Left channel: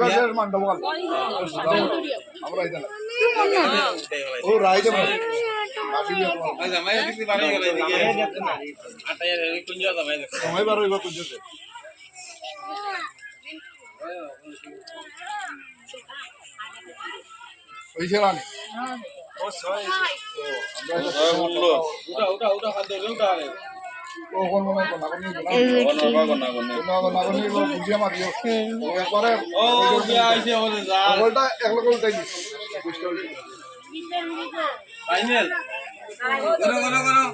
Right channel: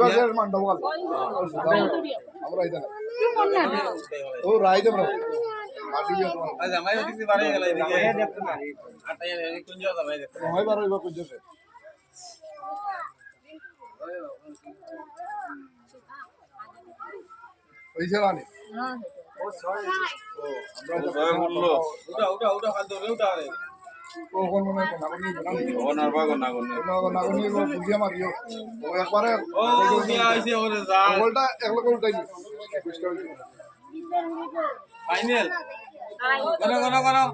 গজের মান্ডবল আমরা এখানে ও রাইতে বড় আসি দিয়ে তোমার ভাই জামাই দিতে পারে গেল এদিকে আটা এর কুঞ্জ জামাই দেখো সময় বার হইব কুঞ্জতে পয়সা রানি ও সরি ও আমরা ওটা হাত ধরে ওটা ও কোন মনে কোন আগনি কোন আগনি বুঝিয়া মারিও ও একবারে ও দিয়া আইছে বলে যা বলটা এক লোক উল্টাই দিস ফাইনাল করো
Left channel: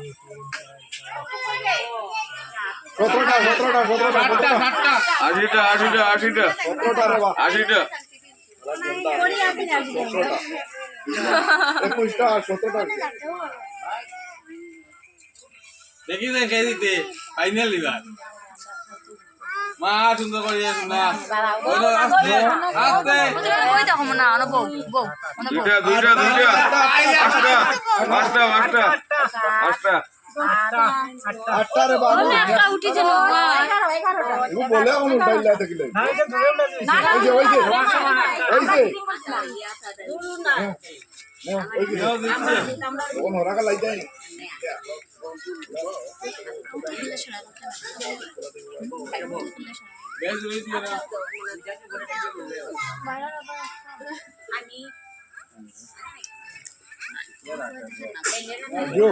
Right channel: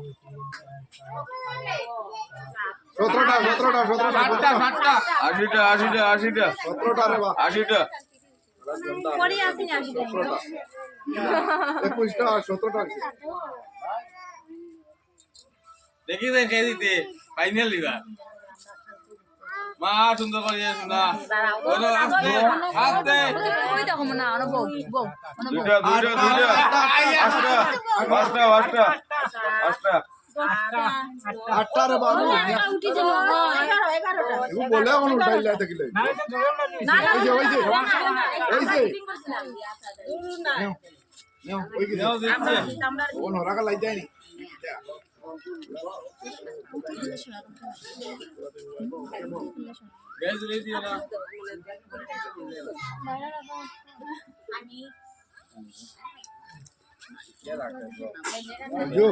17টা 80টা 17টা রে বাবা 80টা পরে আসেনি 17টা 21টা 17টা দেখি দেখে দিতে ফাইনাল লিবার মা সুন্দর করে না বলো আস্তে ওই দেখো না না বউ দুইটা আটটা আটটা রে বাবু একটা উঠি যাবে ও বলে কোন উঠাইলা দেখিলে ওই যে কোন হরাকা লাই যায় বেশ লই দিও না আমি जो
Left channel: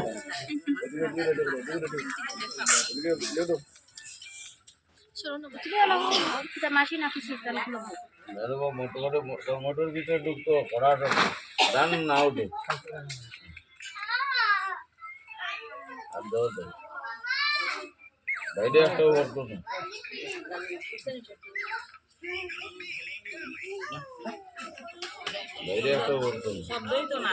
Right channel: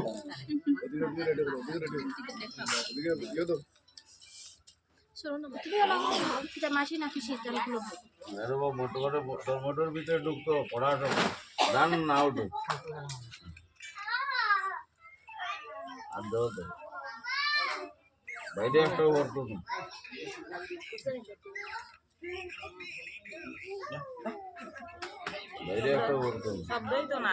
চলো না এটা মেশিন আছে সেটা খুলো আরে ও মোটর ভিতরে ঢুকতো পড়াটা রান না উঠে আর দাও বাইরে একটা করতো না বাইরে একটা করতো শব্দই তো না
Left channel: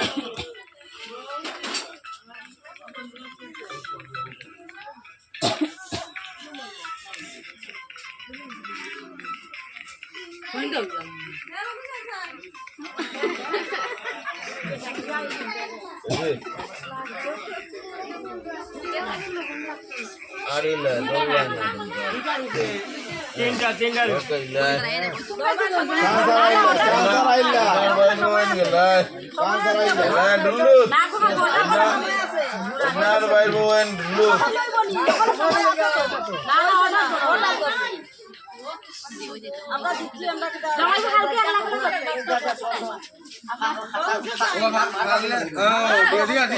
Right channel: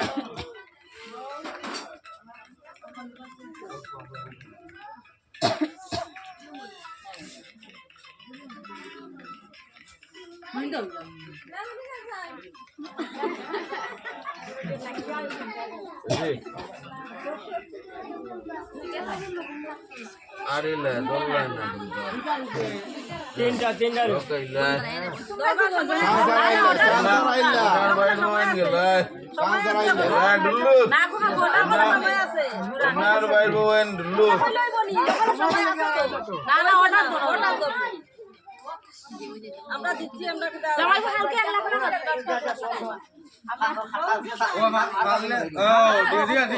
अरे ले दो लाना चेंगा আমরা দিচ্ছি আমরা জামাই হালকা একলা করে ও বাদলে ও ঠিক আছে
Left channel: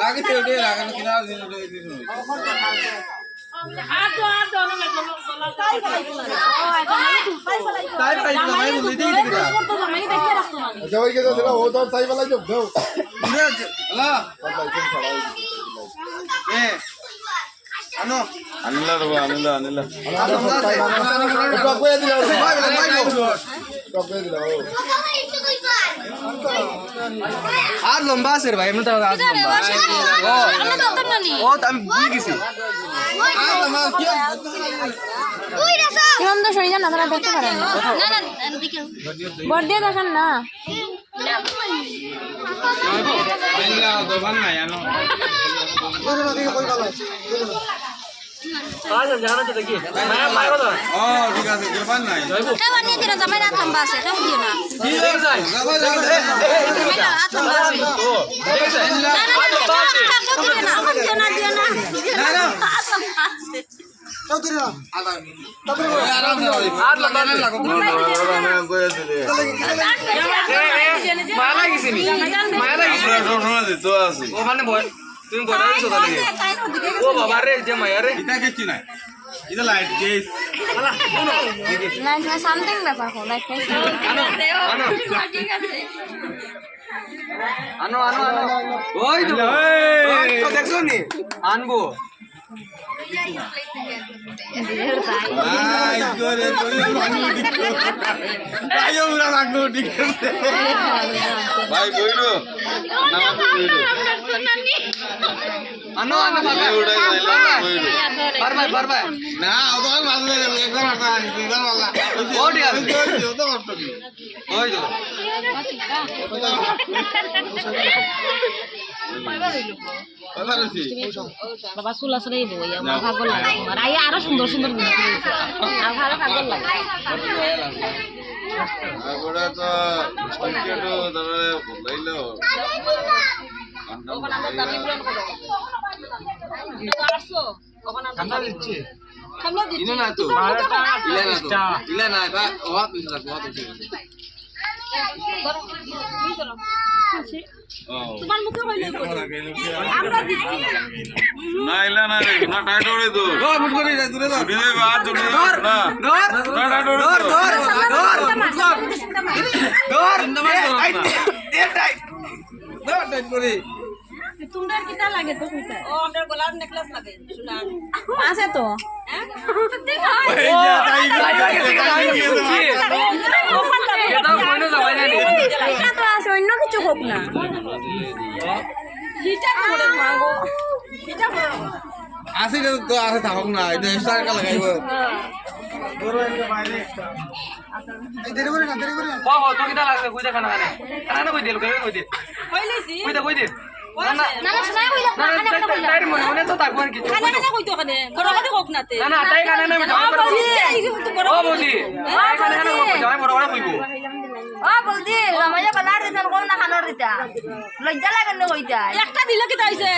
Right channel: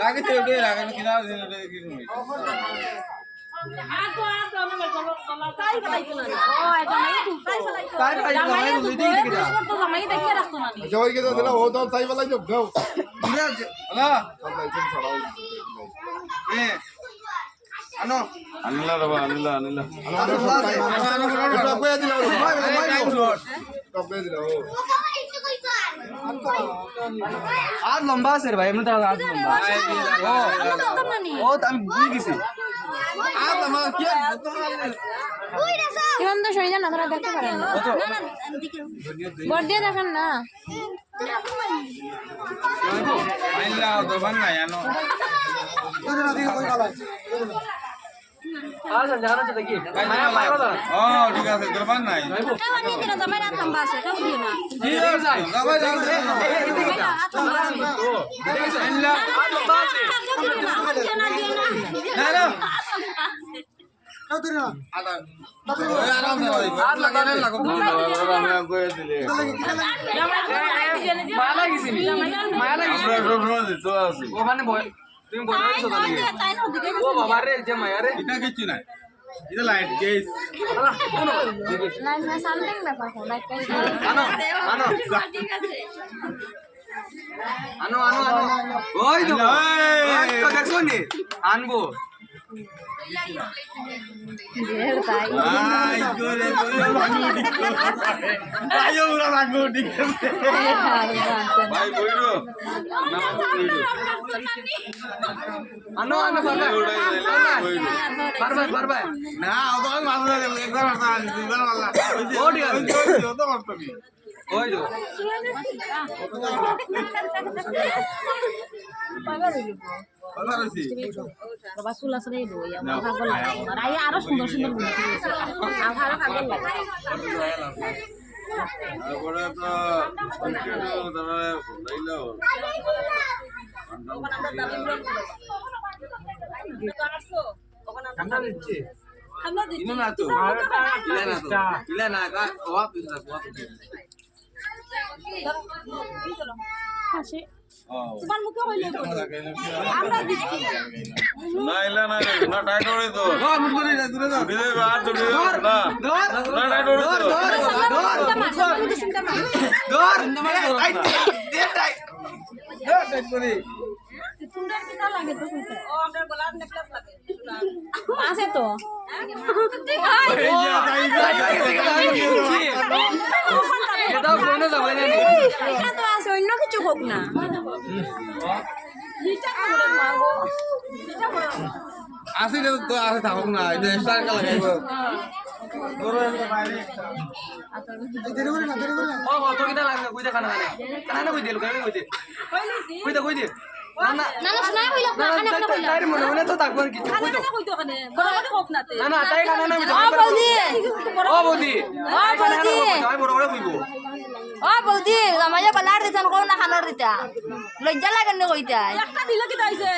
লাগিতে ওটা লাগানো কিনা দিন ওটা কিছু নয় আর তো না তাই ফেলাইতো না ও জামাই জামাই দিদি দিদি তো জামাই দেখে রাখতো না জয় কে দিলা ও তো তাই ফেলাই যাও দাও আলা এ আনো আনিলা বাবা আনিলা টপে দিলা টপে দিলা আর লম্বা আছে রে ভাই এমনি তো ও আমি ভুলে গেছি আর লম্বা কি ওই রেসা কোন তো সরি না আপনারা দেখতে পারেন না দেখেন বড় দেখেন না আইলা দোকান না জানো কোন দিকে কোন কালা আজ জানা তো দেখি ও ঠিক আছে দোকান নাই কে বানিয়ে দিরা জামাই রাত লম্বা আছে কেউ দিও না কি যায় জামাই রাত লম্বা আছে তো ঠিক আছে আইলা লম্বা আছে না না তো দিরা আলা আর লাগানে লাগো না কইয়া দিলে জামাই জেনে যে মারা গেছি নি মারা গেছি তো আছে ও মানে ভয় তুমি বড় হইছো তাহলে ও বাবা রে যে মায়া রে এটা কিছু নাই এটা লাইট গেস আলা কোন লাইট না সামথিং ব্যাপার কোন লাইট আনো ঠিক আছে আনো ওই তো দেখছো নি আনবো ভাই করে তুই ভাঙলো ঠিক ভাই ওরা ভাঙলো ঠিক ভাই বইরো না বইরো আনো বইরো বারবার না ও তো মাঝে একবার মারতা দুইবার মারলা ও ঠিক আছে ও তো মারতো কি ওই তো বাবা চুলা চুলাই দেবো ভালো লাগে আর আরো সুন্দর সুন্দর তারপরে তো স্টিকেটও তারা বদলাইলো ওখানে আমরা দাবি পূরণ করব তো আসছো ওখানে আমরা দাবি খামলা দিচ্ছি ইনা না তো ইলা না কা ওয়া তুই না ওয়া তুই তোমার মুখে হইলো আমরা দিচ্ছি না ইলা না রে না টাইট হই তো ধর মুট করে দূরে ধর ছুটি দে বাদ ছুটি ধর না ধর ধর ধর ধর টাইট করে তোমরা কিটা লাগে তো কইতা ও আমরা গলার নেকলেস লাগে সোনার আছে তো এই যা তাই ওখানটা এটা ফোনে যাবাই না এটা তো আছে অন্য কিছু হোক না হিটা করে মাগো হিটা করে আসি তো আসে থাকুক না এটা এক্সট্রা কা লাগাইব দেরি করে না বাবা তো কিটা লাগবে কই দেখা না কানে কই দিল কই দিল কইলেছি কই দিল না না না কইলা না তাই মনে তো থাকবো আর কিছু খানা খানা কইতো খানে বড় করে হোক নাতে না না তাই কানে না ও বৌদি বড় ও বৌদি যাই বড় করে কইবো ও বৌদি আমাকে বালার দিতাম কোন না খানোর দিতা লজ্জা লাগে না কইতা একটা দিলে কি তাইছে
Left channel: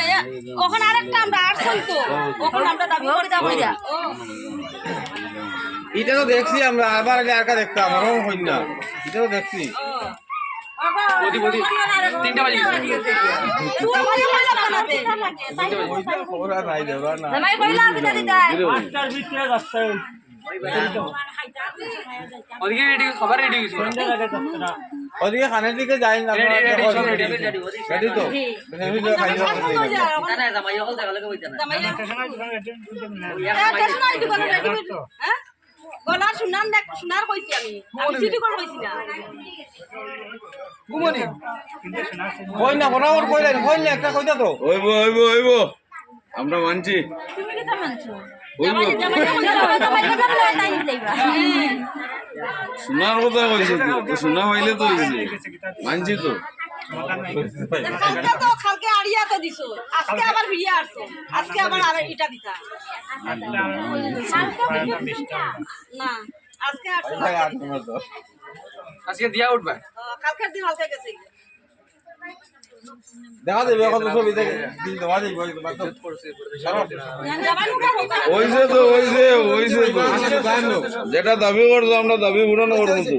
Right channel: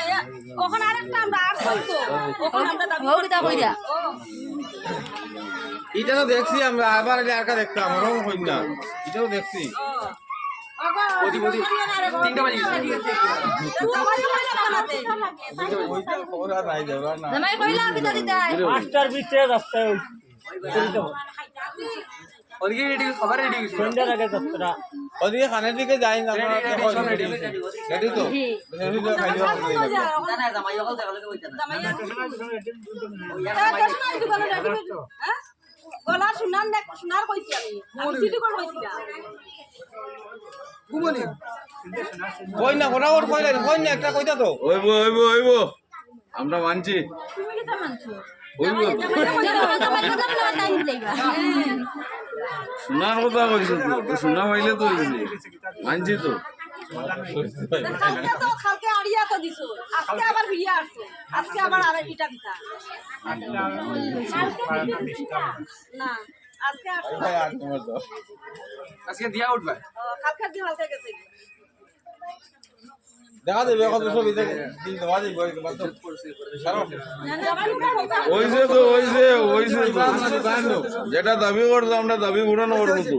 ওখানে আরেকটা আমরা আর চলতো ওখানে আমরা দাবি কইতা কইতা ও এটা তো দেখছি আমরা আবার আগে আরকা দেখতাম ওরকম হই না এটা তো দেখছি বৌদি বৌদি 3টা বাজে গেছে তুই আমাকে কইলা বানাতে খবর আর নাই যাওয়া না জামাই কইলা কিতা দিতা ওদিকে রেডি খবর রেডি গেছে ওদিকে খানের দিকে যাই না রেডি তো গলার সোনার কইছি আমি সিটি কল কইছি না ঘুমনি কই না বরাবর কই না একটা কইতা তো ওইব আমরা মানছি তুমি কি তা মানছো ওইব শোনার কথা কইছো তো শোনা হইলে তো মানছি তো কালকে আড়িয়া তো দিছো আজকে আবার ফিরিয়া আসছো আজকে আবার আর এটা দিতা না আজকে আসছো আজকে দিয়া উঠবা কালকের দিন হালকা গেছে দেখা দেবে কত ছবি দেখে দিন দেওয়া দিই ওইছে তো যেটা দাবি করছো আমরা দাবি পূরণ করবো তো